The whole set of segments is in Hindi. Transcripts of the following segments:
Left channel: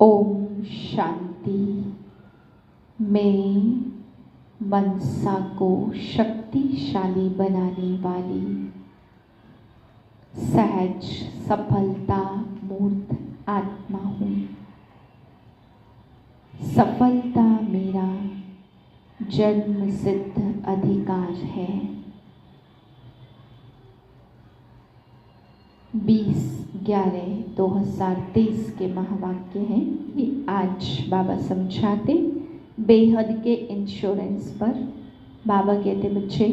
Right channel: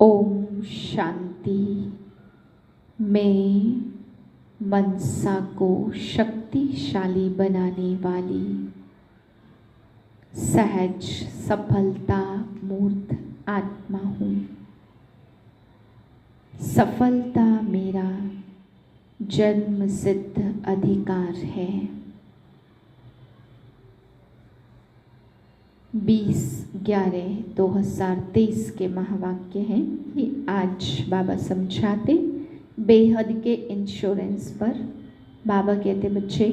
ओम शांति। मैं मनसा को शक्तिशाली बनाने वाली सहज सफलता मूर्त आत्मा हूँ। सफलता मेरा जन्म सिद्ध अधिकार है। 20/11/2023 के महावाक्य हैं। ये आज बाबा समझाते बेहद के इंश्योरेंस पर। बाबा कहते बच्चे,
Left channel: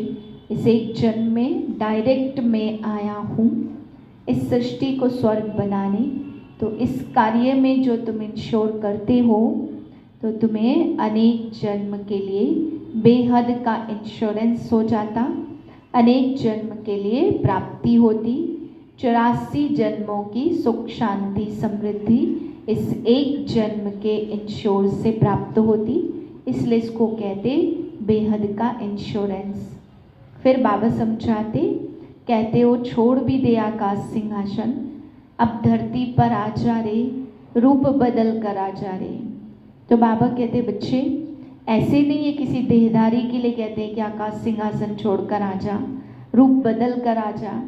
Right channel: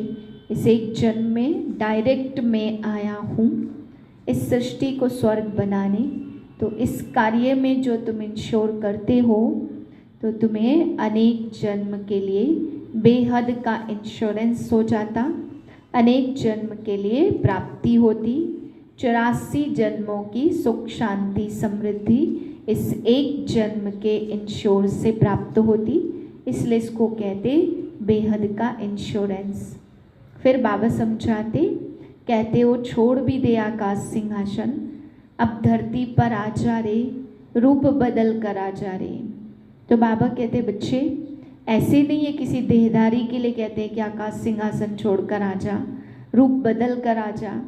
इस एक जन्म में डायरेक्ट मैं आया हूँ इस सृष्टि को स्वर्ग बनाने। तो इस कार्य में जो तुम इंश्योर करते हो तो तुम्हें अनेक जन्म के लिए बेहद का इंश्योरेंस हो जाता, अनेक जन्म के लिए प्राप्ति होती। 84 जन्मों की सुख शांति समृद्धि इस एक जन्म के इंश्योर से प्राप्त होती, इसलिए इसको कहते बेहद का इंश्योरेंस। फिर बाबा समझाते, कहते हो छोड़ भी दे आकाश सिंहासन, अब धरती पर आ जा रे, रूप बदल कर आ जा रे। तो बाबा कहते बच्चे, ऐसे नहीं है किसी देहधारी के लिए कहते हैं कि आकाश सिंहासन छोड़कर आ जा, रूप बदल कर आ जा,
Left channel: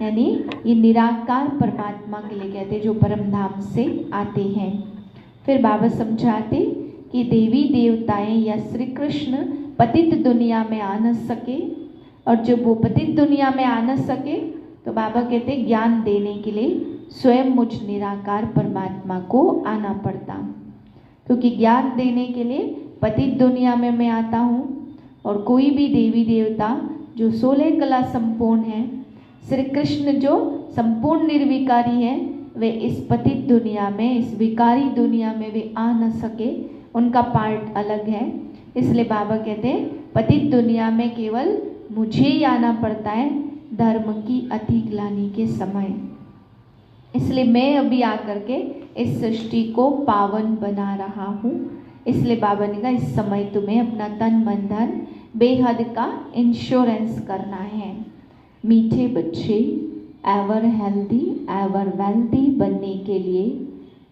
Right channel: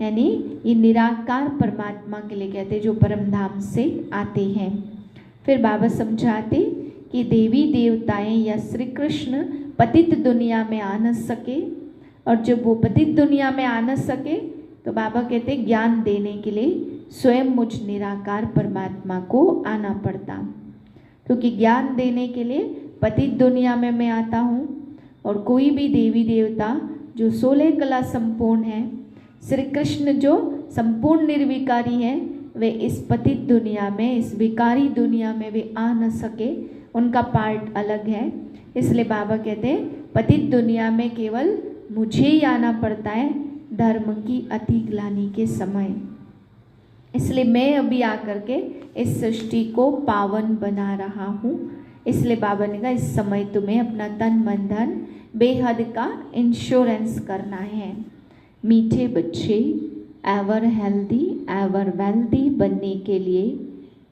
यानी ये निराकार परमात्मा के लिए कहते हैं जो परम धाम से आते हैं। फिर बाबा समझाते कि देवी देवताएं या श्री कृष्ण पतित दुनिया में आ न सके, और जब वो पतित दुनिया में आ न सके तो बाबा कहते ज्ञान देने के लिए स्वयं मुझ निराकार परमात्मा को आना पड़ता, क्योंकि ज्ञान देने के लिए पतित दुनिया में मैं आता हूँ। और कोई भी देवी देवता जो 16 कला संपूर्ण है, श्री कृष्ण जो संपूर्ण निर्विकारी है, वे इस पतित दुनिया में, इस विकारी दुनिया में वे आ न सके, उनका पार्ट अलग है। इसलिए बाबा कहते हैं पतित दुनिया में केवल मुझे ही आना पड़ता है धर्म की अति ग्लानि के समय। इसलिए मैं अभी आकर के इस सृष्टि को पावन बना रहा हूँ। इसलिए बाबा ने कहा इस समय तुम्हें अपना तन मन धन बेहद का इंश्योरेंस करना है। मीठे बच्चे, एवर हेल्दी एवर वेल्दी बनने के लिए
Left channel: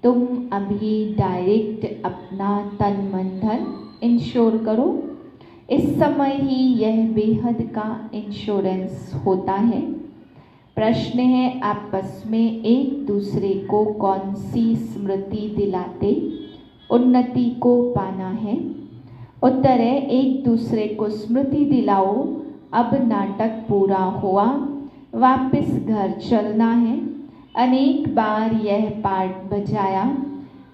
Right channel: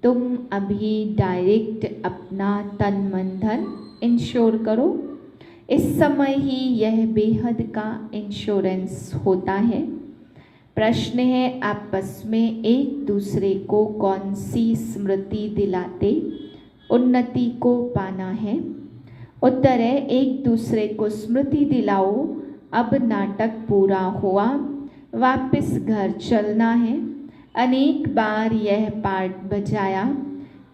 तुम अभी डायरेक्ट अपना तन मन धन इंश्योर करो। इस समय ही यह बेहद का इंश्योरेंस होता है। प्रश्न है, आपस में एक दूसरे को कौन सी स्मृति दिलाते उन्नति को पाना है? उत्तर है, एक दूसरे को स्मृति दिलाओ अब नाटक पूरा हुआ, वापस घर चलना है। अनेक बार यह पाठ बजाया,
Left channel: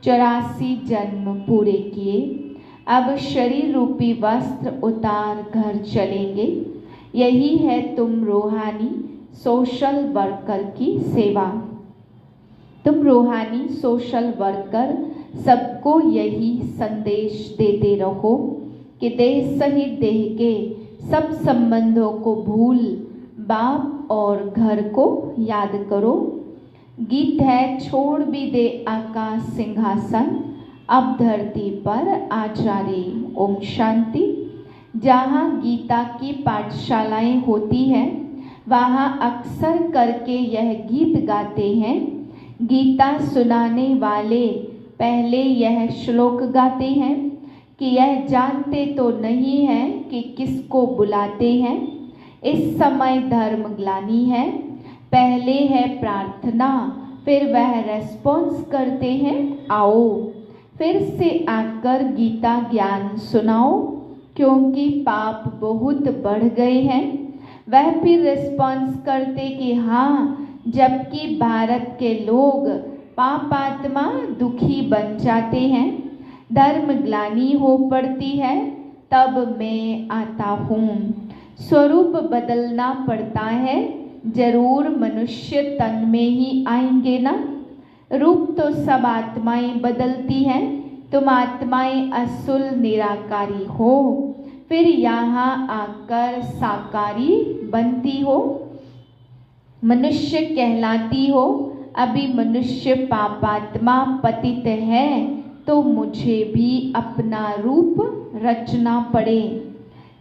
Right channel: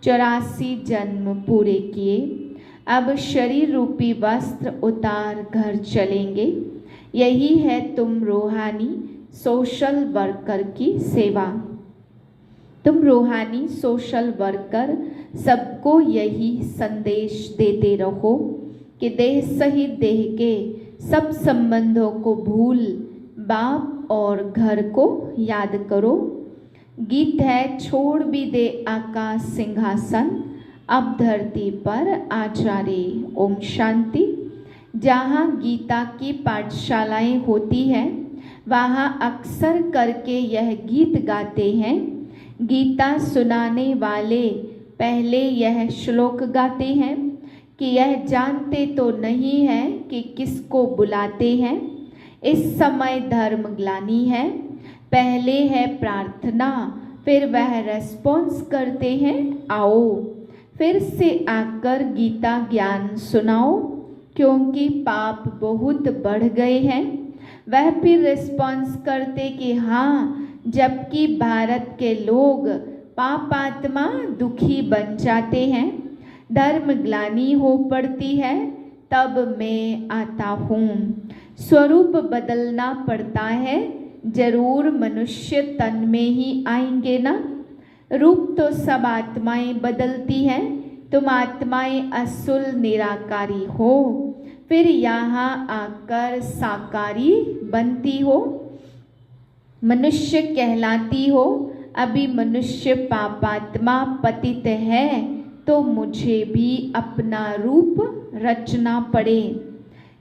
84 जन्म पूरे किए, अब शरीर रूपी वस्त्र उतार घर चलेंगे। यही है तुम रूहानी सोशल वर्कर की सेवा। तुम रूहानी सोशल वर्कर सबको यही संदेश देते रहो कि देह सहित देह के सब संबंधों को भूल बाप और घर को याद करो। गीत है, छोड़ भी दे आकाश सिंहासन, अब धरती पर आ जा रे। ओम शांति। जहाँ गीता की पाठशालाएं होती हैं वहाँ अक्सर करके यह गीत गाते हैं। गीता सुनाने वाले पहले यह श्लोक गाते हैं कि यह जानते तो नहीं है कि किसको बुलाते हैं। इस समय धर्म ग्लानि है, पहले है प्रार्थना, फिर वह रेस्पॉन्स करते हैं आओ फिर से आकर गीता ज्ञान सुनाओ, क्योंकि पाप बहुत बढ़ गए हैं। वह फिर रेस्पॉन्स करते कि हाँ, जबकि भारत के लोग पापात्मा दुखी बन जाते हैं, धर्म ग्लानि हो पड़ती है, तब मैं आता हूँ। स्वरूप बदलना पड़ता है, जरूर मनुष्य तन में ही आएंगे ना। रूप तो सब आत्माएं बदलती हैं, तुम आत्माएं असुल निराकारी हो, फिर यहाँ आकर साकारी बनती हो, मनुष्य कहलाती हो। अभी मनुष्य पापात्मा पतित है तो मुझे भी अपना रूप रचना पड़े।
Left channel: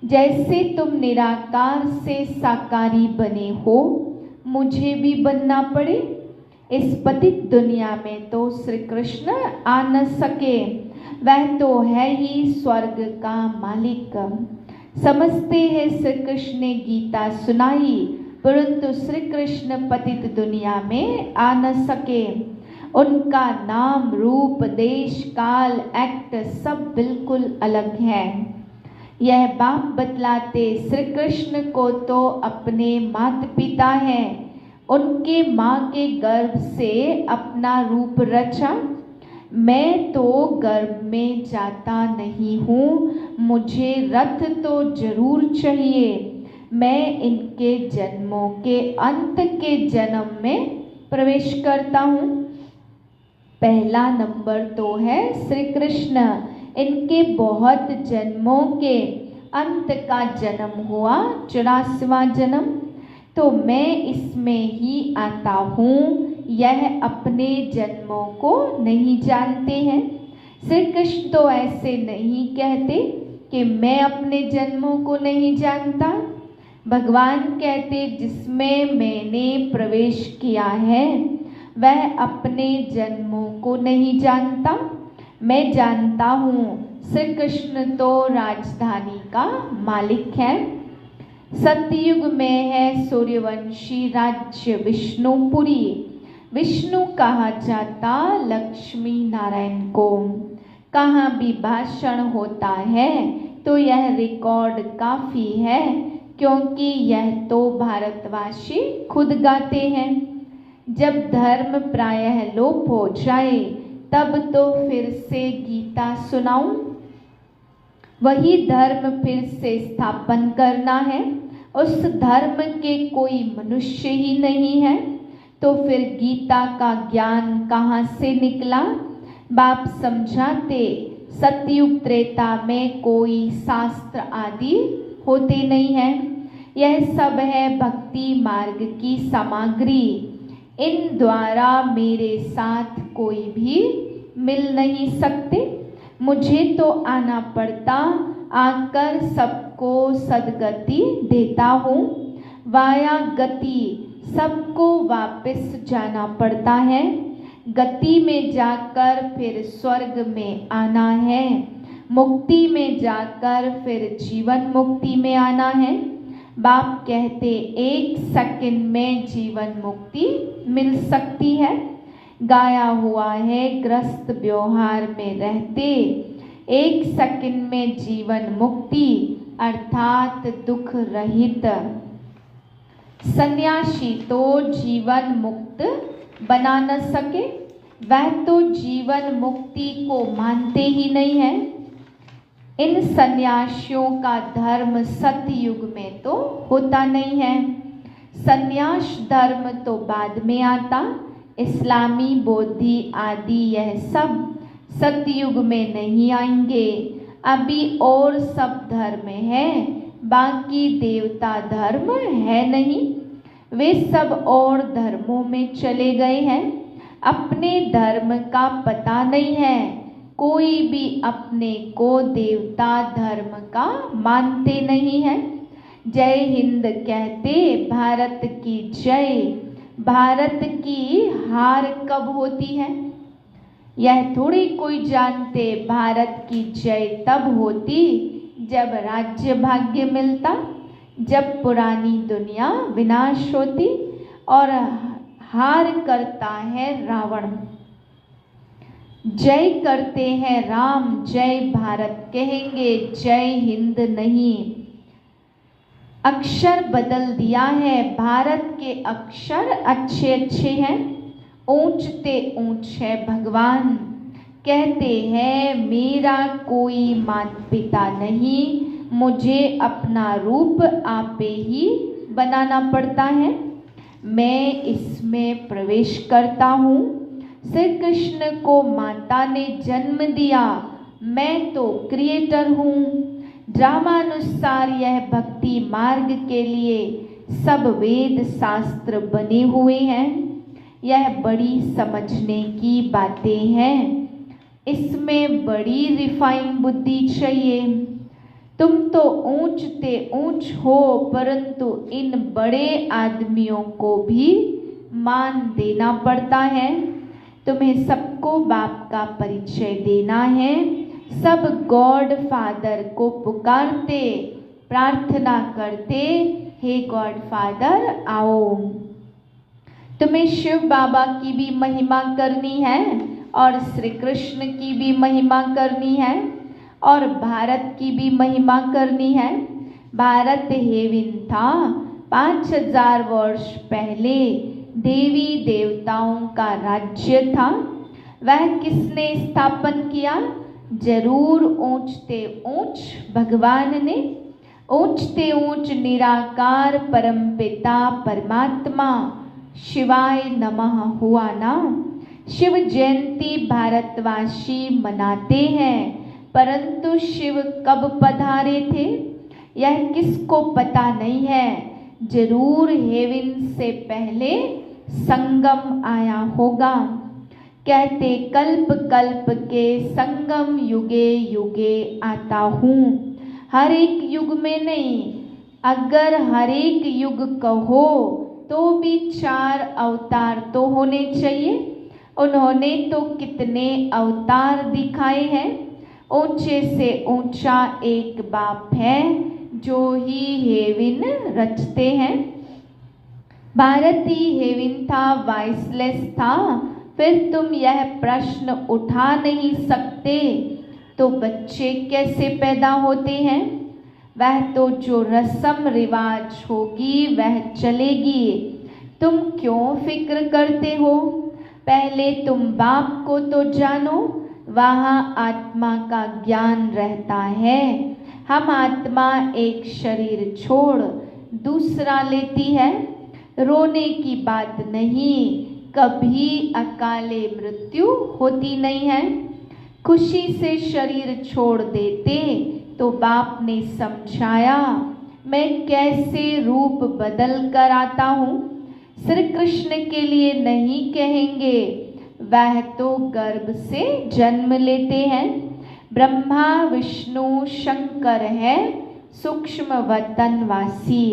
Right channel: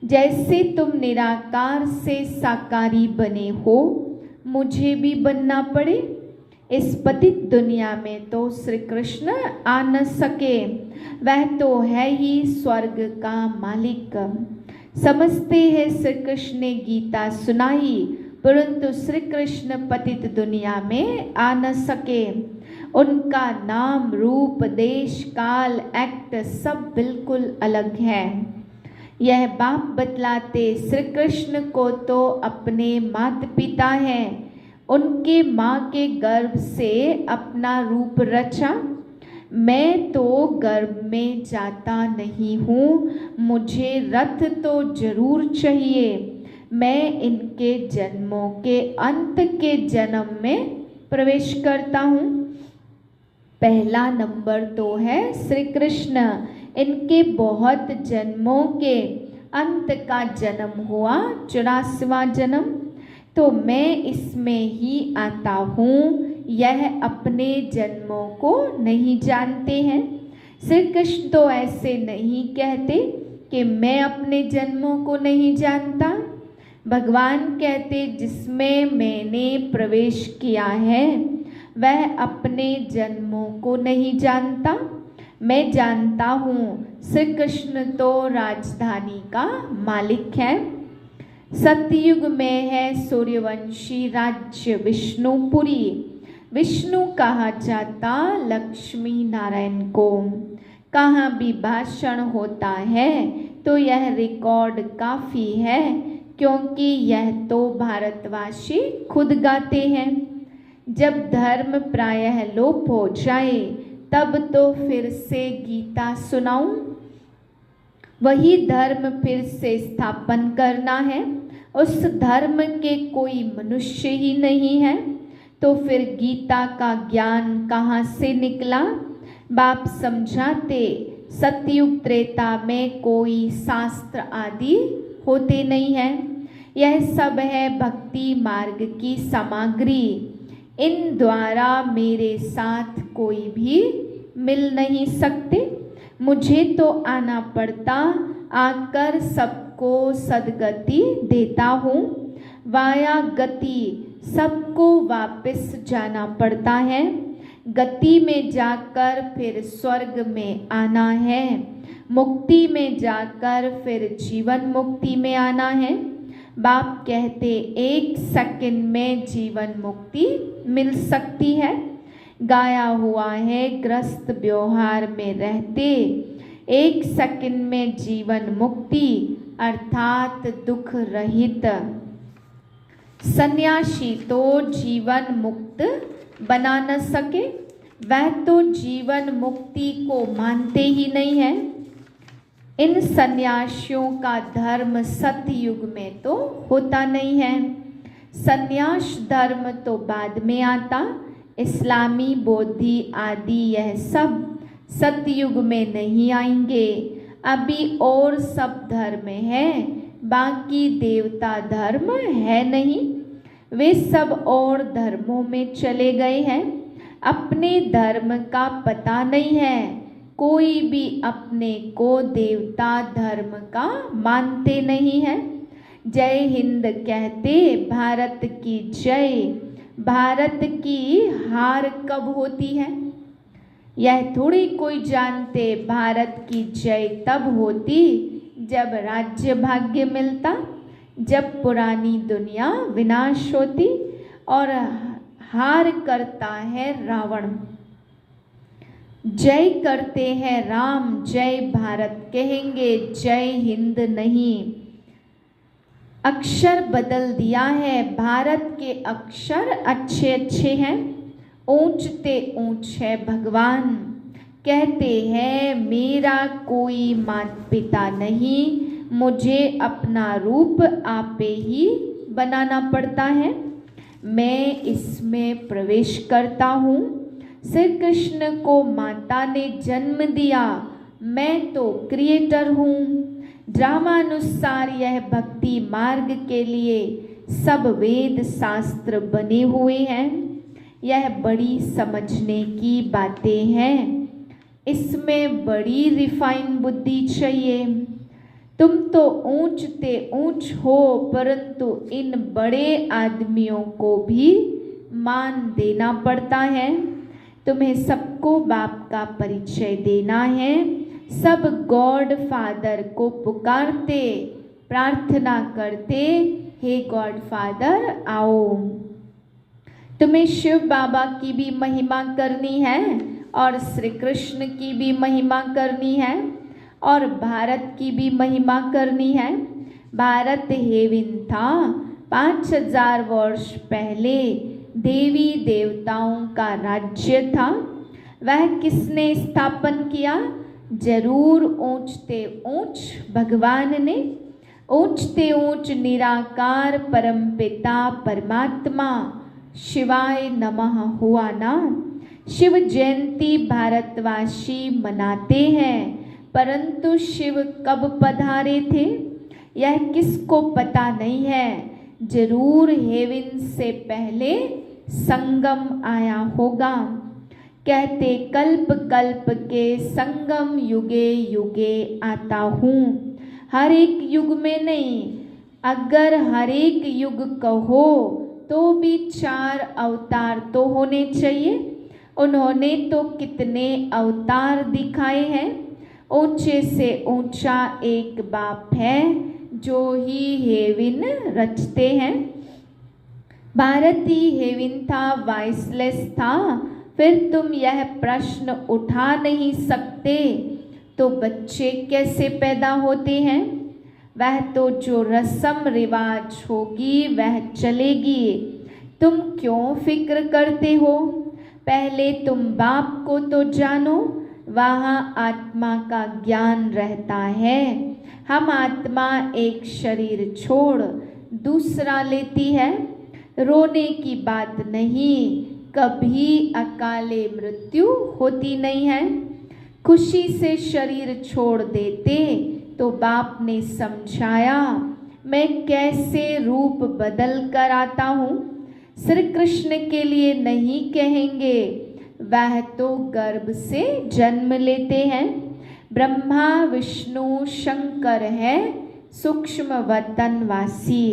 जैसे तुम निराकार से साकारी बने हो, मुझे भी बनना पड़े। इस पतित दुनिया में तो श्री कृष्ण आ न सके, वह तो है ही स्वर्ग का मालिक। समझते हैं श्री कृष्ण ने गीता सुनाई, परंतु श्री कृष्ण पतित दुनिया में आ न सके। उनका नाम, रूप, देश, काल, एक्ट सब बिल्कुल अलग है। यह बाप बतलाते श्री कृष्ण को तो अपने माता पिता हैं, उनके माँ के गर्भ से अपना रूप रचा। मैं तो गर्भ में जाता नहीं हूँ, मुझे रथ तो जरूर चाहिए। मैं इनके जन्मों के अंत के जन्म में प्रवेश करता हूँ। पहला नंबर तो है श्री कृष्ण, इनके बहुत जन्मों के अंत का जन्म हुआ 84वां जन्म, तो मैं इसमें ही आता हूँ। यह अपने जन्मों को नहीं जानते हैं। श्री कृष्ण तो ऐसे नहीं कहते कि मैं अपने जन्मों को नहीं जानता। भगवान कहते जिसमें मैंने प्रवेश किया है वह अपने जन्मों को नहीं जानता। मैं जानता हूँ श्री कृष्ण तो राजधानी का मालिक है। सतयुग में है सूर्यवंशी राज्य विष्णुपुरी, विष्णु कहा जाता लक्ष्मी नारायण को। कहाँ भी भाषण होता है तो यह रिकॉर्ड काफ़ी है, क्योंकि यह तो भारतवासी खुद गाते हैं। जब धर्म प्रायः लोप हो जाए तब तो फिर से गीता सुनाऊं। वही धर्म फिर से स्थापन करना है। उस धर्म के कोई मनुष्य ही नहीं है, तो फिर गीता का ज्ञान कहाँ से निकला? बाप समझाते सतयुग त्रेता में कोई शास्त्र आदि होते नहीं है। यह सब है भक्ति मार्ग की सामग्री। इन द्वारा मेरे साथ कोई भी मिल नहीं सकते। मुझे तो आना पड़ता, आकर सबको सदगति देता हूँ। वाया गति सबको वापस जाना पड़ता है। गति में जाकर फिर स्वर्ग में आना है। मुक्ति में जाकर फिर जीवन मुक्ति में आना है। बाप कहते 1 सेकंड में जीवन मुक्ति मिल सकती है। गाया हुआ है ग्रस्त व्यवहार में रहते 1 सेकंड में जीवन मुक्ति अर्थात दुख रहित। सन्यासी तो जीवन मुक्त बना न सके, वह तो जीवन मुक्ति को मानते ही नहीं है। इन सन्यासियों का धर्म सतयुग में तो होता नहीं है। सन्यास धर्म तो बाद में आता। इस्लामी, बौद्धि आदि यह सब सतयुग में नहीं आएंगे। अभी और सब धर्म है, बाकी देवता धर्म है नहीं। वे सब और धर्मों में चले गए हैं। अपने धर्म का पता नहीं है। कोई भी अपने को देवता धर्म का मानते नहीं है। जय हिंद कहते भारत की जय। भारत की हार कब होती है? यह थोड़ी कोई जानते। भारत की जय तब होती जब राज्य भाग्य मिलता, जब पुरानी दुनिया विनाश होती और हार करता है रावण। जय करते हैं राम, जय भारत कहेंगे, जय हिंद नहीं। अक्षर बदल दिया है। भारत के अक्षर अच्छे अच्छे हैं, ऊंचते ऊंच है भगवान। कहते हैं मेरा कोई माता पिता नहीं, मुझे अपना रूप आपे ही बनाना पड़ता है। मैं इसमें प्रवेश करता हूँ। श्री कृष्ण को माता ने जन्म दिया, मैं तो क्रिएटर हूँ। ड्रामानुसार यह भक्ति मार्ग के लिए सब वेद शास्त्र बने हुए हैं। यह बड़ी समझने की बातें हैं। इसमें बड़ी रिफाइन बुद्धि चाहिए। तुम तो ऊंचते ऊंच हो, परंतु इन बड़े आदमियों को भी मान देना पड़ता है। तुम्हें सबको बाप का परिचय देना है। सब गॉड फादर को पुकारते, प्रार्थना करते, हे गॉड फादर आओ। तुम्हें शिव बाबा की भी महिमा करनी है और श्री कृष्ण की भी महिमा करनी है और भारत की भी महिमा करनी है। भारत हेवन था, 5000 वर्ष पहले देवी देवताओं का राज्य था। वह किसने स्थापन किया? जरूर ऊंचते ऊंच भगवान ने। ऊंचते ऊंच निराकार परमपिता परमात्मा शिवाय नमः हुआ ना। शिव जयंती भारतवासी मनाते हैं, परंतु शिव कब पधारे थे यह किसको पता नहीं है। जरूर हेवन से पहले संगम आया होगा। कहते कल्प कल्प के संगम युगे युगे आता हूँ। हर एक युग में नहीं, अगर हर एक युग कहो तो भी 4 अवतार तो होने चाहिए। उन्होंने तो कितने अवतार दिखाए हैं। ऊंचे से ऊंचा एक बाप है जो ही हेवन रचते हैं। भारत ही हेवन था, वाइसलेस था। फिर तुम यह प्रश्न उठा नहीं सकते तो बच्चे कैसे पैदा होते हैं? वह तो जो रस्म रिवाज होगी वह चलेगी। तुम क्यों फिक्र करते हो? पहले तुम बाप को तो जानो, वहाँ आत्मा का ज्ञान रहता है। हम आत्मा एक शरीर छोड़ दूसरा लेती है। रोने की बात नहीं, कभी अकाले मृत्यु होती नहीं है। खुशी से शरीर छोड़ देते तो बाप ने समझाया मैं कैसे रूप बदल कर आता हूँ। श्री कृष्ण के लिए नहीं कहेंगे, वह तो गर्भ से जन्म लेते हैं। ब्रह्मा विष्णु शंकर है सूक्ष्म वतनवासी।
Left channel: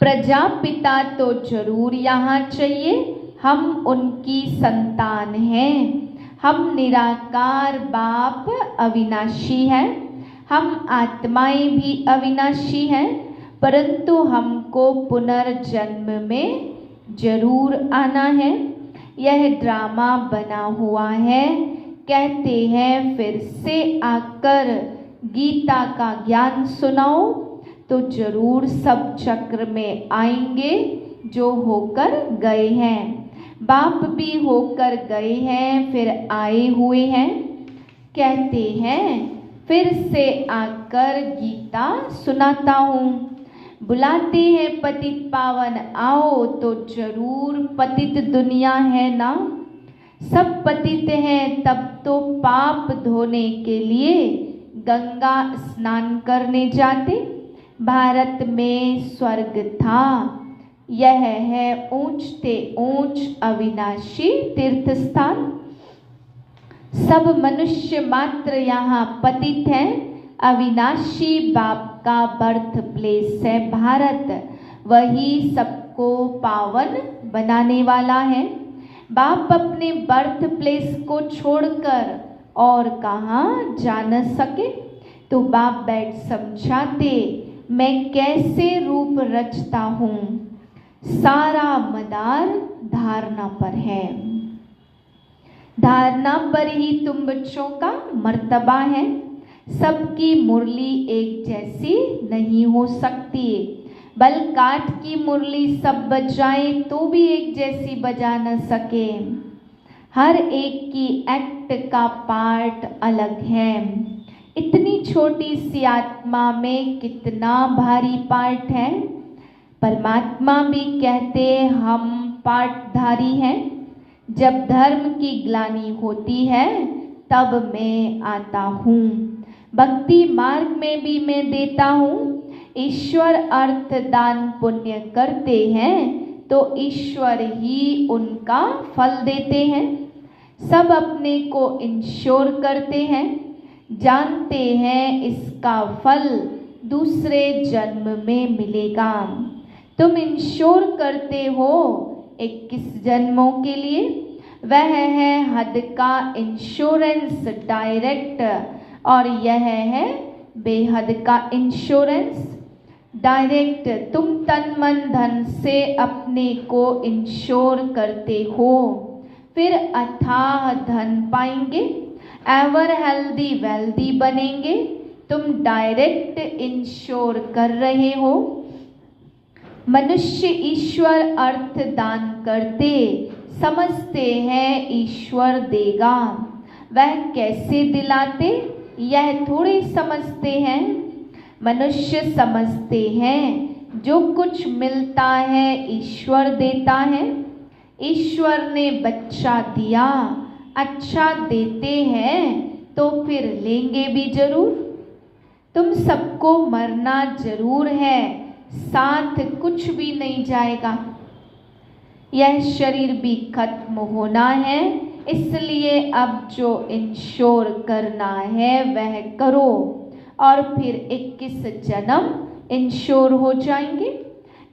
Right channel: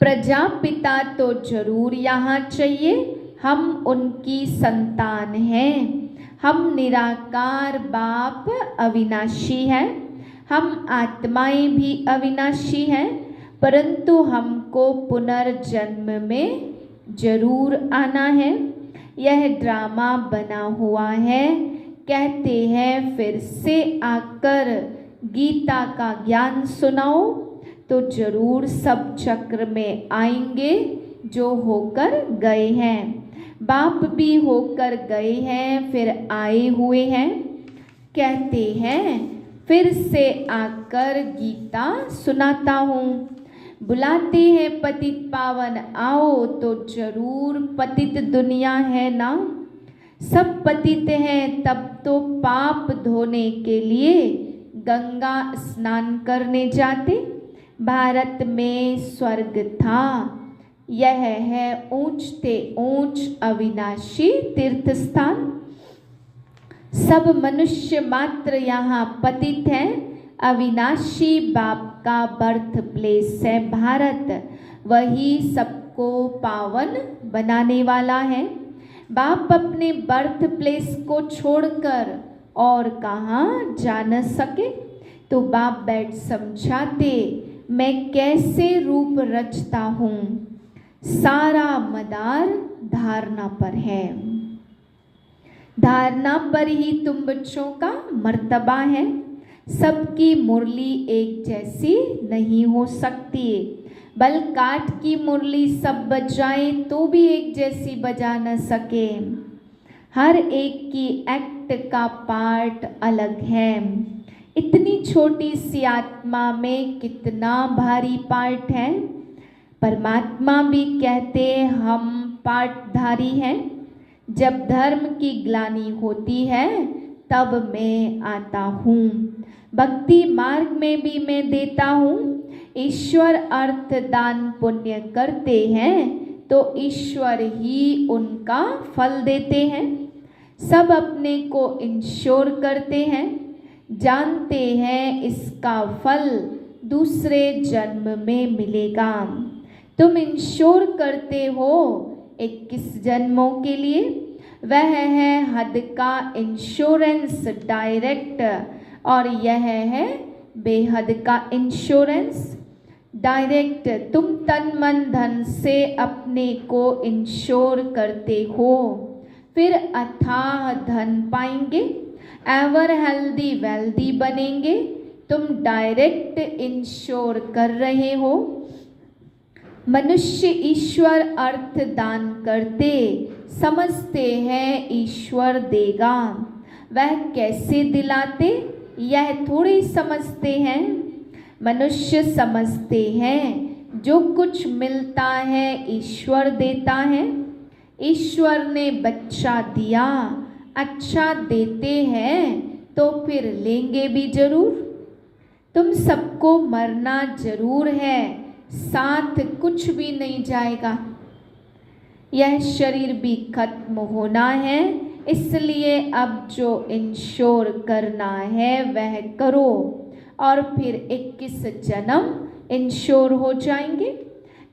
प्रजापिता तो जरूर यहाँ चाहिए, हम उनकी संतान हैं। हम निराकार बाप अविनाशी हैं। हम आत्माएं भी अविनाशी हैं, परंतु हमको पुनर्जन्म में जरूर आना है। यह ड्रामा बना हुआ है। कहते हैं फिर से आकर गीता का ज्ञान सुनाओ तो जरूर सब चक्र में आएंगे जो होकर गए हैं। बाप भी होकर गए हैं, फिर आए हुए हैं। कहते हैं फिर से आकर गीता सुनाता हूँ। बुलाते हैं पतित पावन आओ तो जरूर पतित दुनिया है ना। सब पतित हैं तब तो पाप धोने के लिए गंगा स्नान करने जाते। भारत में स्वर्ग था, यह है ऊंचते ऊंच अविनाशी तीर्थ स्थान। सब मनुष्य मात्र यहाँ पतित हैं। अविनाशी बाप का बर्थ प्लेस है भारत, वही सबको पावन बनाने वाला है। बाप अपने बर्थ प्लेस को छोड़कर और कहाँ जा न सके तो बाप बैठ समझाते मैं कैसे रूप रचता हूँ। सारा मदार धारणा पर है। धारणा पर ही तुम बच्चों का मर्तबा है। सबकी मुरली एक जैसी नहीं हो सकती। बल काठ की मुरली सब बजाए तो भी एक जैसी बजा न सके। हर एक की एक्ट का पार्ट अलग है। इतनी छोटी सी आत्मा में कितना भारी पार्ट है। परमात्मा भी कहते हम पार्टधारी हैं। जब धर्म की ग्लानि होती है तब मैं आता हूँ। भक्ति मार्ग में भी मैं देता हूँ। ईश्वर अर्थ दान पुण्य करते हैं तो ईश्वर ही उनका फल देते हैं। सब अपने को इंश्योर करते हैं, जानते हैं इसका फल दूसरे जन्म में मिलेगा। तुम इंश्योर करते हो 21 जन्मों के लिए। वह है हद का इंश्योरेंस डायरेक्ट, और यह है बेहद का इंश्योरेंस डायरेक्ट। तुम तन मन धन से अपने को इंश्योर करते हो, फिर अथाह धन पाएंगे, एवर हेल्दी वेल्दी बनेंगे। तुम डायरेक्ट इंश्योर कर रहे हो। मनुष्य ईश्वर अर्थ दान करते समझते हैं ईश्वर देगा। वह कैसे दिलाते यह थोड़ी समझते हैं। मनुष्य समझते हैं जो कुछ मिलता है ईश्वर देता है। ईश्वर ने बच्चा दिया, अच्छा देते हैं तो फिर लेंगे भी जरूर। तुम सबको मरना जरूर है, साथ कुछ भी नहीं जाएगा। यह शरीर भी खत्म होना है, इसलिए अब जो इंश्योर करना है वह करो, और फिर 21 जन्म इंश्योर हो जाएंगे।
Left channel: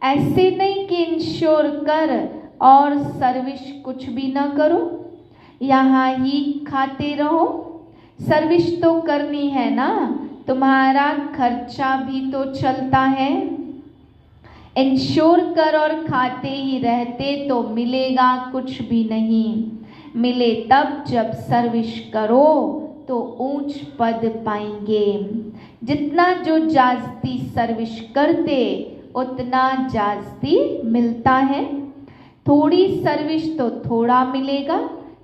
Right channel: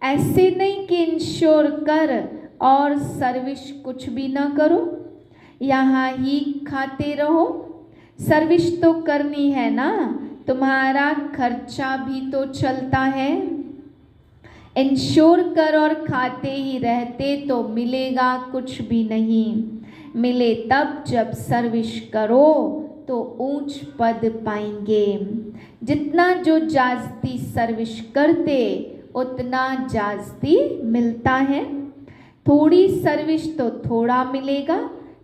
ऐसे नहीं कि इंश्योर कर और सर्विस कुछ भी ना करो, यहाँ ही खाते रहो। सर्विस तो करनी है ना, तुम्हारा खर्चा भी तो चलता है। इंश्योर कर और खाते ही रहते तो मिलेगा कुछ भी नहीं। मिले तब जब सर्विस करो तो ऊंच पद पाएंगे। जितना जो जास्ती सर्विस करते उतना जास्ती मिलता है। थोड़ी सर्विस तो थोड़ा मिलेगा।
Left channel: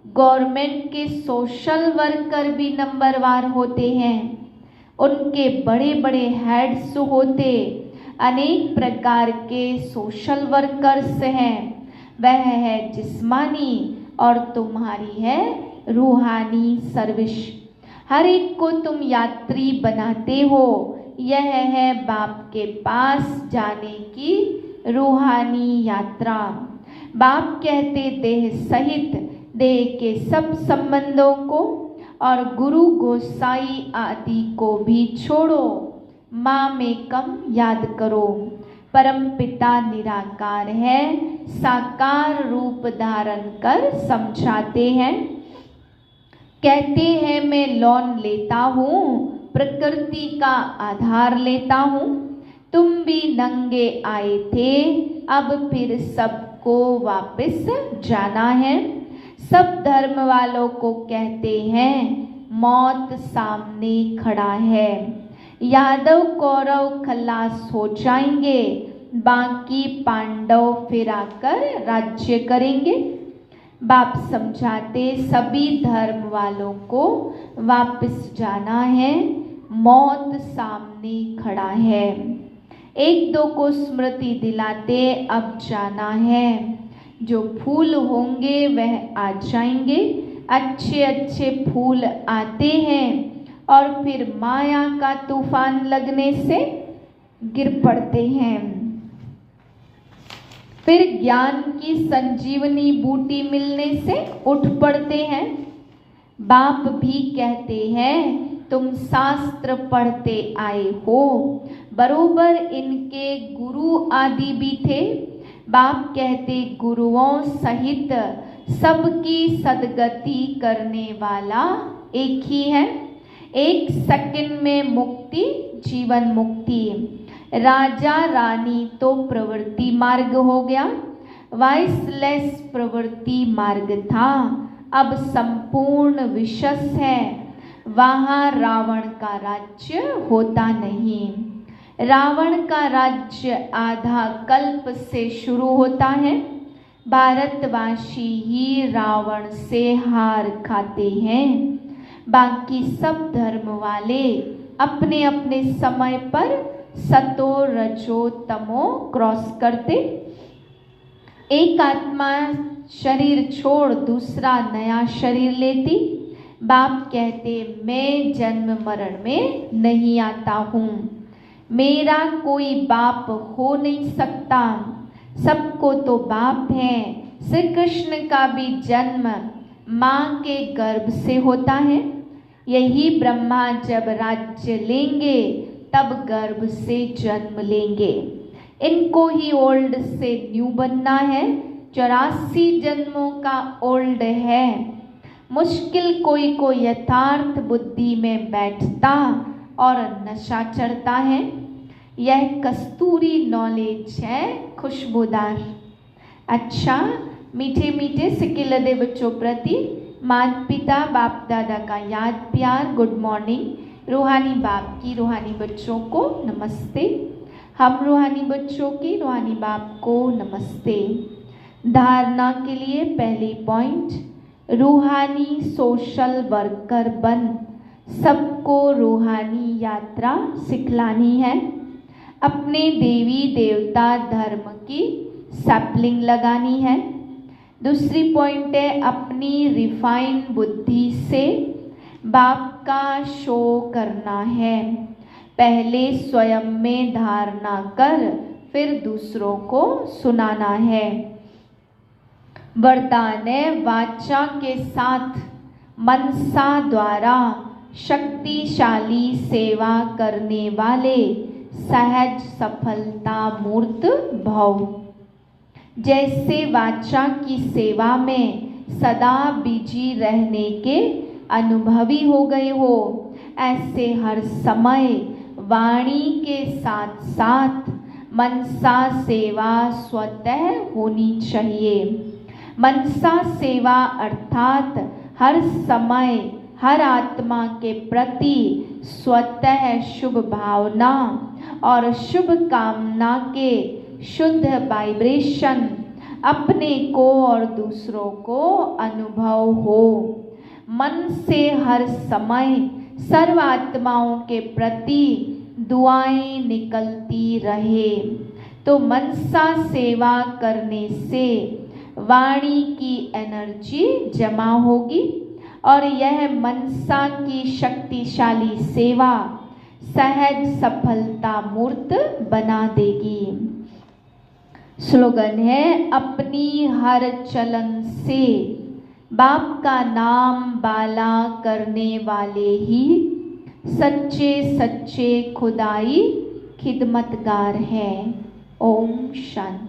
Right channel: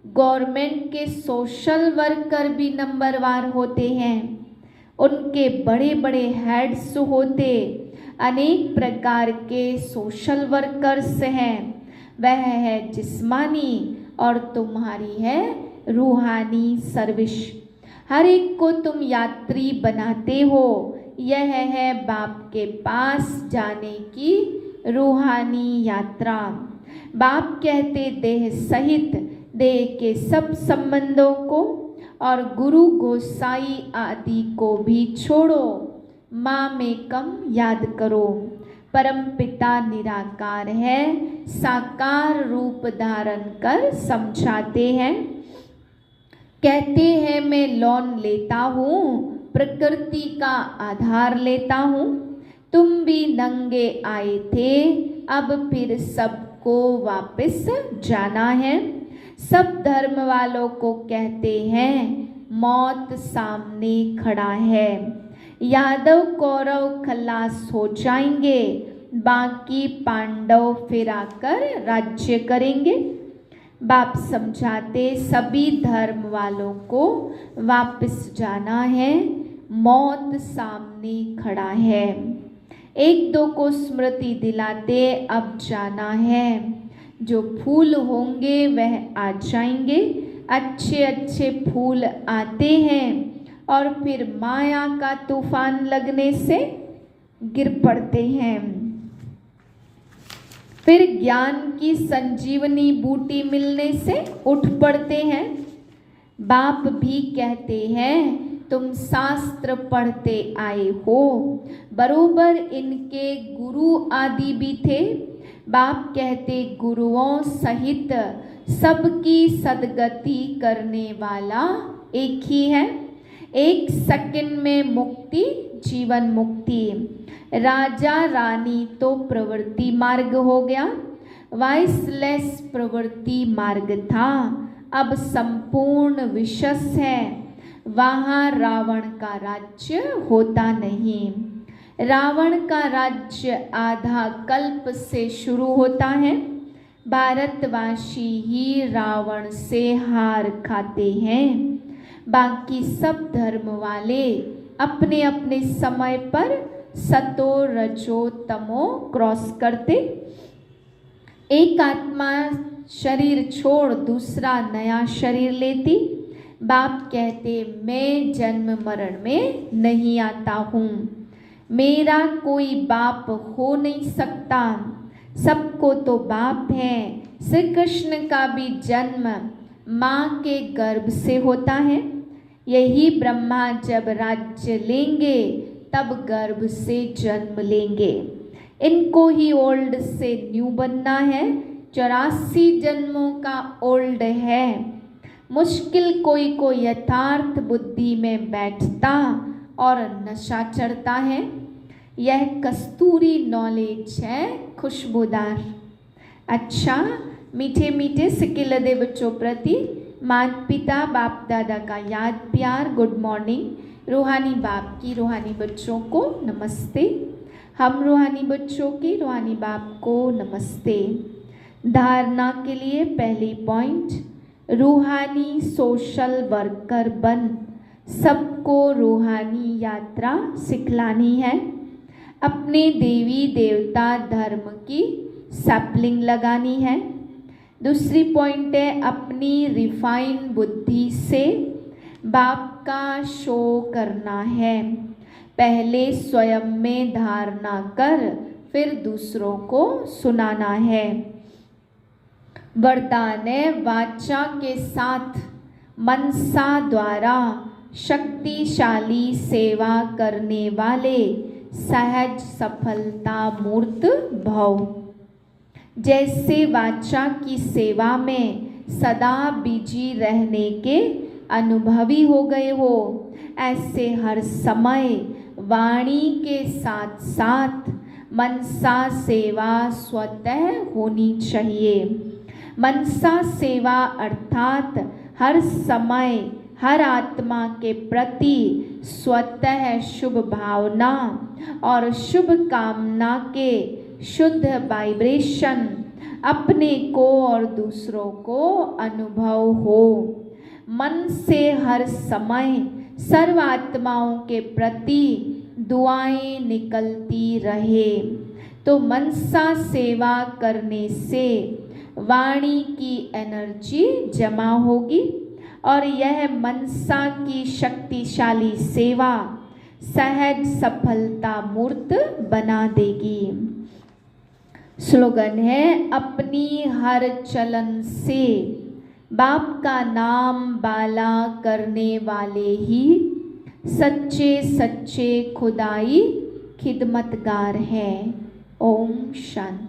गवर्नमेंट के सोशल वर्कर भी नंबरवार होते हैं, उनके बड़े बड़े हेड्स होते, अनेक प्रकार के सोशल वर्कर्स हैं। वह है जिस्मानी और तुम्हारी है रूहानी सर्विस। हर एक को तुम यात्री बनाते हो। यह है बाप के पास जाने की रूहानी यात्रा। बाप कहते देह सहित देह के सब संबंधों को और गुरु गोसाई आदि को भी छोड़ो, माँ में कम याद करो। परम पिता निराकार है, साकार रूप धारण कर समझाते हैं। कहते हैं मैं लोन लेता हूँ, प्रकृति का आधार लेता हूँ। तुम भी नंगे आए थे, अब फिर सबको वापस जाना है। सब धर्म वालों को कहते हैं मौत सामने खड़ा है। यादव कौरव खलास हो जाएंगे, बाकी पांडव फिर आकर राज्य करेंगे। बाप समझाते सभी धर्म वालों को वापस जाना है, मौत सामने खड़ा है। एक दो को स्मृति दिलाते अब जाना है। जो फूल होंगे वह आ जाएंगे। अच्छे अच्छे फूल आते हैं और फिर माया का तूफान लगने से गिर पड़ते हैं। फिर ज्ञान की संजीवनी बूटी मिलने से उठ पड़ते हैं। बाप भी कहते हैं तुम शास्त्र पढ़ते आए हो, बरोबर इनके गुरु आदि भी थे। बाप कहते गुरुओं सहित सबकी सदगति करने वाला एक ही है। एक सेकंड में मुक्ति, जीवन मुक्ति। राजा रानी तो प्रवृत्ति मार्ग हो गया, वाइसलेस प्रवृत्ति मार्ग था। अब संपूर्ण विशस है, वहाँ रावण का राज्य होता नहीं। रावण का राज्य आधा कल्प से शुरू होता है। भारतवासी ही रावण से हार खाते हैं। बाकी सब धर्म वाले अपने अपने समय पर सतो रजो तमो क्रॉस करते। एक आत्मा शरीर छोड़ दूसरा नया शरीर लेती। बाप कहते मैं जन्म मरण में नहीं आता हूँ, मेरा कोई बाप हो नहीं सकता। सबको तो बाप है। श्री कृष्ण का भी जन्म माँ के गर्भ से होता है। यही ब्रह्मा जब राज्य लेंगे तब गर्भ से जन्म लेंगे। इनको ही ओल्ड से न्यू बनना है, 84 जन्मों का ओल्ड है। मुश्किल कोई को यथार्थ बुद्धि में बैठता और नशा चढ़ता है। यह कस्तूरी नॉलेज है खुशबूदार। अच्छा, मीठे मीठे सिकिलदे बच्चों प्रति माता पिता बाप दादा का याद प्यार गुड मॉर्निंग। रूहानी बाप की रूहानी बच्चों को नमस्ते। हम रूहानी बच्चों की रूहानी बाप को नमस्ते। धारणा के लिए पहली पॉइंट, रूहानी सोशल वर्कर बन सबको रूहानी यात्रा सिखलानी है। अपने देवी देवता धर्म की सैपलिंग लगानी है। दूसरी पॉइंट है, अपनी रिफाइन बुद्धि से बाप का शो करना है। पहले स्वयं में धारणा कर फिर दूसरों को सुनाना है। वरदान है, वाचा के साथ मनसा द्वारा शक्तिशाली सेवा करने वाले सहज सफलता मूर्त भव। जैसे वाचा की सेवा में सदा बिजी रहने के अनुभवी हो गए हो, ऐसे हर समय वाणी के साथ साथ मनसा सेवा स्वतः होनी चाहिए। मनसा सेवा अर्थात हर समय हर आत्मा के प्रति स्वतः शुभ भावना और शुभ कामना के शुद्ध वाइब्रेशन अपने को और दूसरों को अनुभव हो। मन से हर समय सर्व आत्माओं के प्रति दुआएं निकलती रहे, तो मनसा सेवा करने से वाणी की एनर्जी जमा होगी और यह मनसा की शक्तिशाली सेवा सहज सफलता मूर्त बना देगी। स्लोगन है, अपनी हर चलन से बाप का नाम बाला करने वाले ही सच्चे सच्चे खुदाई खिदमतगार हैं। ओम शांति।